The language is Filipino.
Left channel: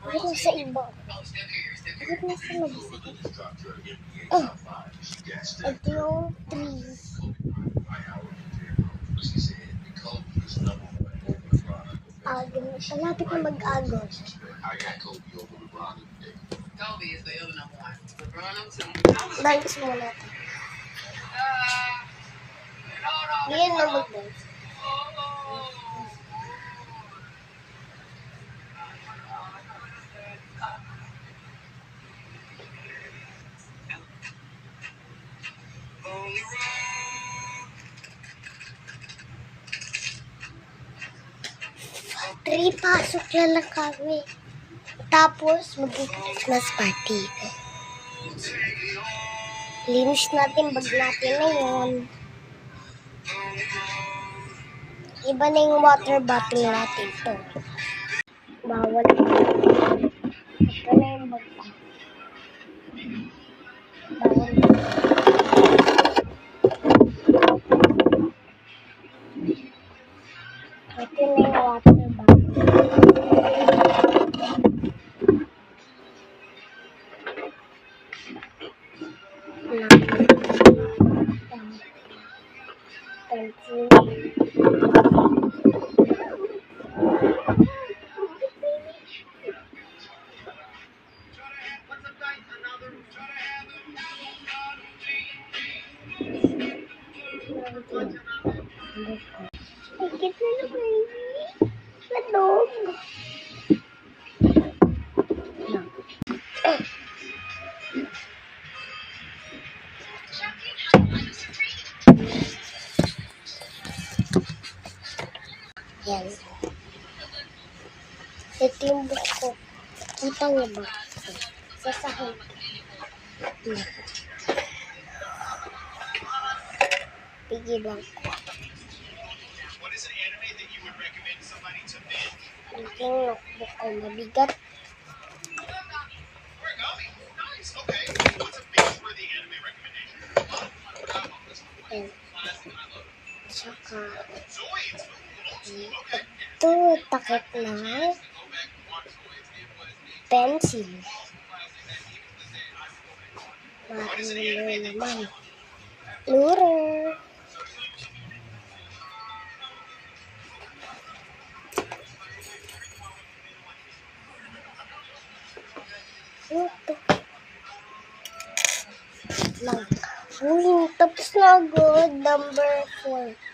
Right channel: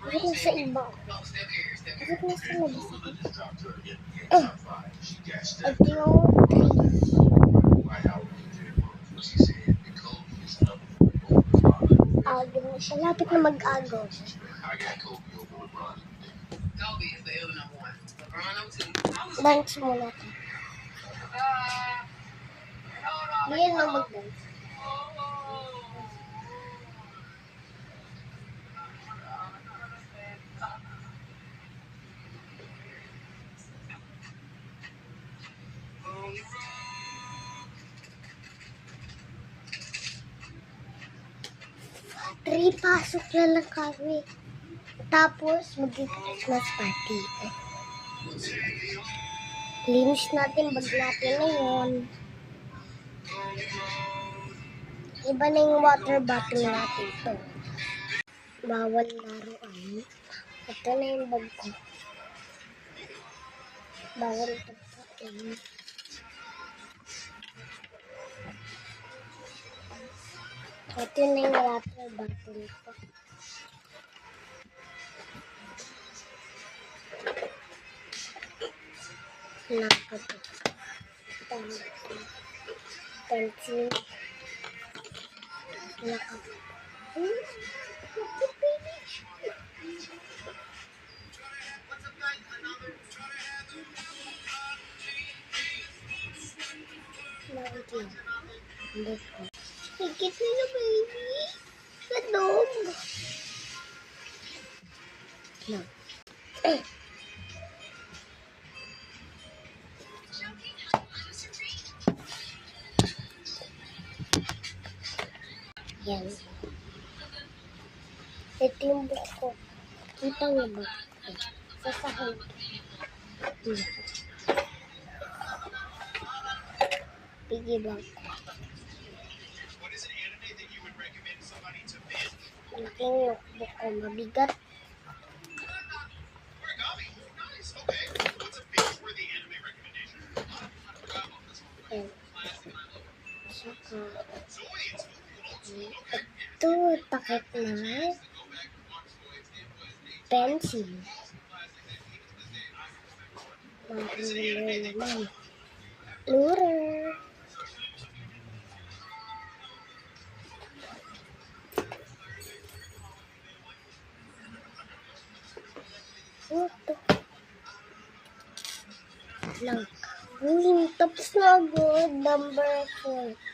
Bakit nasa iba ako? Bakit nasa labas ako? Oh! Ito yung 3. Agos. Malapit na mag-agos. Dance muna natin. Ngayon na mag-dance. Pasok lang kami. Tapos, mag-Christmas party. Linis natin, bag natin na yun. Iba na yung water bottle natin to. Bawal. Ito na yung bag ko. Bawal. Ito na yung water bottle. Higit nila, baby. Ladog. Yan. Ito yung book ko. Kita niyo ba? Sa sahig. Piggy bank. Yung notebook ko mabigat. Yan. Tsaka ito, takip na pencil. Marunong naman. Lurer. Ito. Lang. Uy, tapos na agad. Number 4.